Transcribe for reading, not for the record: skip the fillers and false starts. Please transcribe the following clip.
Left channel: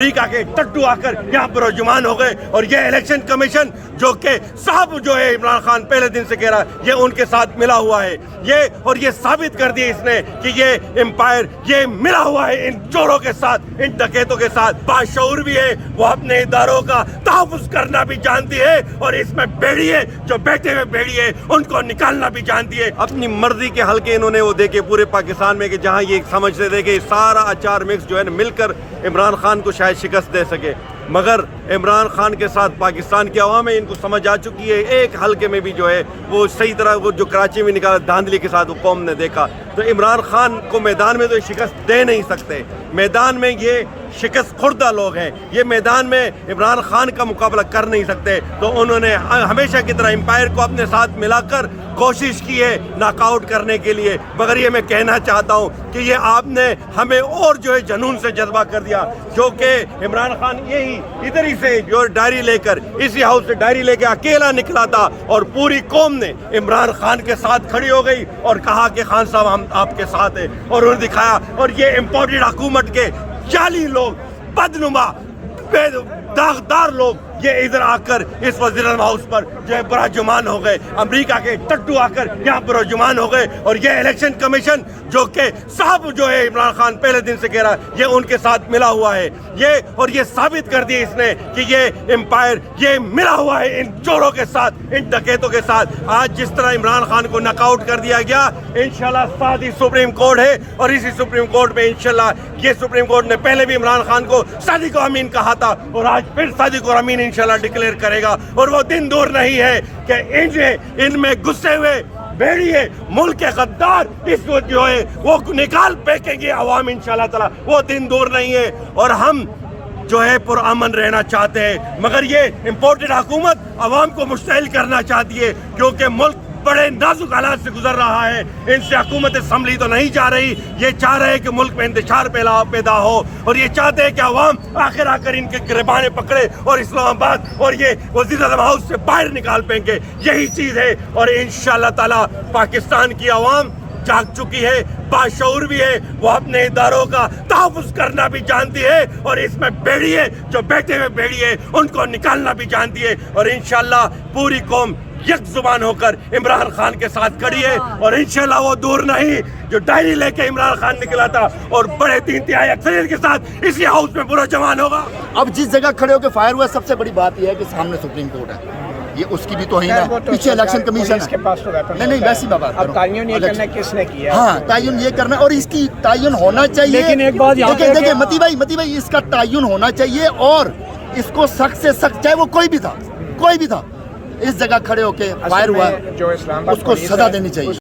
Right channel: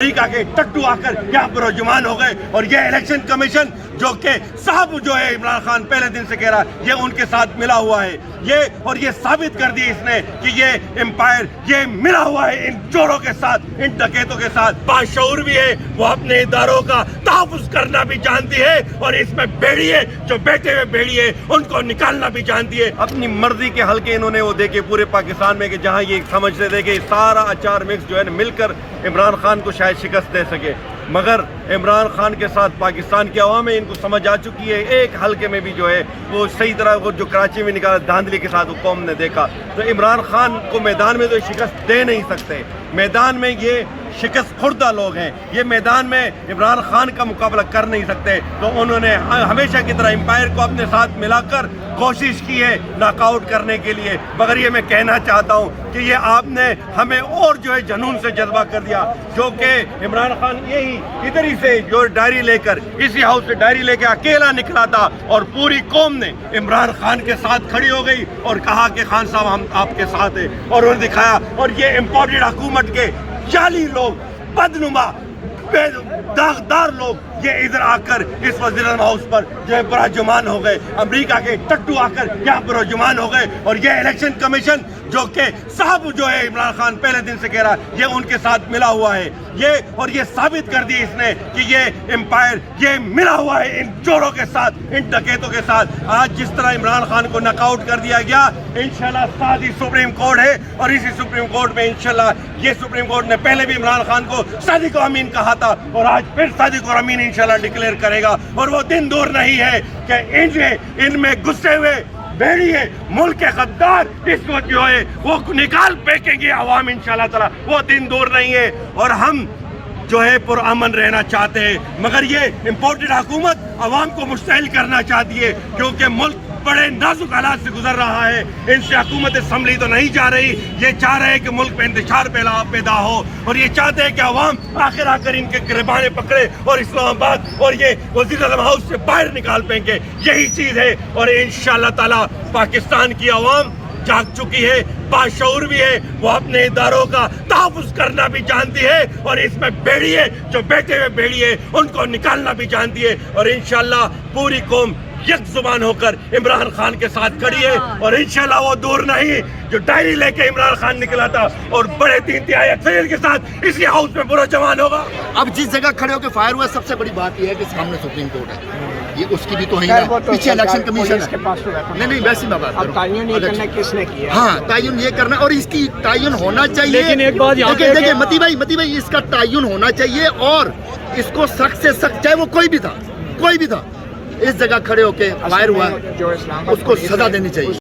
امریکہ کے ٹٹو آ کر یہاں پر رجمان ہو گئے اور یہ الیکشن کمیشن جو کہ صاحب جو ہے عمران خان پہلے دن سے کہہ رہا ہے یہ ان کے ساتھ ملا ہوا ہے یہ ثابت کر دیا اس نے کہ یہ امپائر یہ ملا ہوا ہے ان چوروں کے ساتھ ان ڈکیتوں کے ساتھ باشعور بھی ہے وہ اپنے اداروں کا تحفظ کرنا بھی جانتی ہے اور اس میں بیڑی ہے جو بیٹھے ہوئے بیڑی ہے ان کو نکالنا بھی جانتی ہے اپنی مرضی کے حلقے انہوں نے وہ دیکھے پورے پاکستان میں کہ جہاں یہ سمجھتے تھے کہ سارا اچار مکس جو ہے مل کر عمران خان کو شاید شکست دے سکے مگر عمران خان کے ساتھ پاکستان کی عوام ان کو سمجھ آ چکی ہے ایک حلقے میں بھی جو ہے وہ صحیح طرح وہ جو کراچی میں نکالا دھاندلی کے ساتھ وہ قوم نے دیکھا تو عمران خان کو میدان میں تو شکست دے نہیں سکتے میدان میں یہ شکست خوردہ لوگ ہیں یہ میدان میں عمران خان کا مقابلہ کر نہیں سکتے تو انہوں نے ہمیشہ کی طرح امپائر کو اپنے ساتھ ملا کر کوشش کی ہے ناک آؤٹ کرنے کے لیے مگر یہ میں کہنا چاہتا ہوں کہ یہ آپ نے ہمیں اور جو ہے جنون سے جذبہ کر دیا جو کہ عمران خان یہی ادھر ہی سے جو ڈائری لے کر اسی ہاؤس سے ڈائری لے کے اکیلا نکلا تھا اور پوری قوم نے عمران خان کے ساتھ کھڑی ہو گئی اور کہا کہ خان صاحب ہم آپ کے ساتھ ہیں اور انہوں نے دکھایا اور یہ امپورٹڈ حکومت کے جعلی لوگ بدنما داغدار لوگ یہ ادھر آ کر اس وزیر اعظم ہاؤس پر جو ہے براجمان ہو گئے امریکہ کے ٹٹو آ کر یہاں پر رجمان ہو گئے اور یہ الیکشن کمیشن جو کہ صاحب جو ہے عمران خان پہلے دن سے کہہ رہا ہے یہ ان کے ساتھ ملا ہوا ہے یہ ثابت کر دیا اس نے کہ یہ امپائر یہ ملا ہوا ہے ان چوروں کے ساتھ ان ڈکیتوں کے ساتھ آج جس طرح عمران خان کو ناک آؤٹ کر دیا گیا انشاءاللہ ساتھ ہی سپریم کورٹ ہے اور اسی سپریم کورٹ میں انشاءاللہ یہ سپریم کورٹ نے پہلے بھی عمران خان کو صادق و امین کہا تھا اور آج پھر صادق و امین انشاءاللہ ڈکلیئر کرے گا اور وہ دن دور نہیں ہے کہ ان میں گھسے ہوئے بیڑی ہے ملک کے غدار اس کو جو ہے وہ نکال پھینکیں گے عوام انشاءاللہ تعالی وہ دن دور نہیں ہے اور ہم جو ہے پرامن رہنا چاہتے ہیں مگر یہ امپورٹڈ حکومت عوام کو مشتعل کرنا چاہتی ہے کیونکہ ملک بڑے نازک حالات سے گزر رہا ہے ان سے حکومت سنبھلی تو نہیں جا رہی یہ چاہ رہے ہیں کہ ملک میں انتشار پیدا ہو اور یہ چاہتے ہیں کہ عوام آخر آ کر ان کے گریبانے پکڑے اور اسلام آباد اور یہ وزیر اعظم ہاؤس سے باہر نکال پائیں یہی چیز ہے اور انشاءاللہ تعالی پاکستان کی عوام جاگ چکی ہے باشعور بھی ہے وہ اپنے اداروں کا تحفظ کرنا بھی جانتی ہے اور اس میں بیڑی ہے جو بیٹھے ہوئے بیڑی ہے ان کو نکالنا بھی جانتی ہے اور انشاءاللہ پوری قوم یک زبان ہو کر عمران خان کے ساتھ کھڑی ہے اور انشاءاللہ وہ دور نہیں جو ڈائری لے کے عمران خان نکلا تھا اور بڑے 3/3 اکثریت کے ساتھ اسی ہاؤس میں پورا جوان ہوگا اب جس جگہ کھڑے ہو کے فائر ہوا سب سے بڑی بات یہ ہے کہ سامنے سپریم کورٹ ہے یہ اس کی بھی توہین ہے پیچھے الیکشن کمیشن کے پاس نہیں ویسی بات اب تعین یہ کرنا کس نے کیا ہاں تعین یہ کرنا اور اس کی تعین ہونا چاہیے لیکن ایک بات دیکھیں متی بھائی اس کا تعین ہونا چاہیے اور اس کو سخت سے سخت چاہے وہ کوئی بھی تھا اس جگہ کھڑے ہو کے فائر ہوا اس کو سزا دینی چاہیے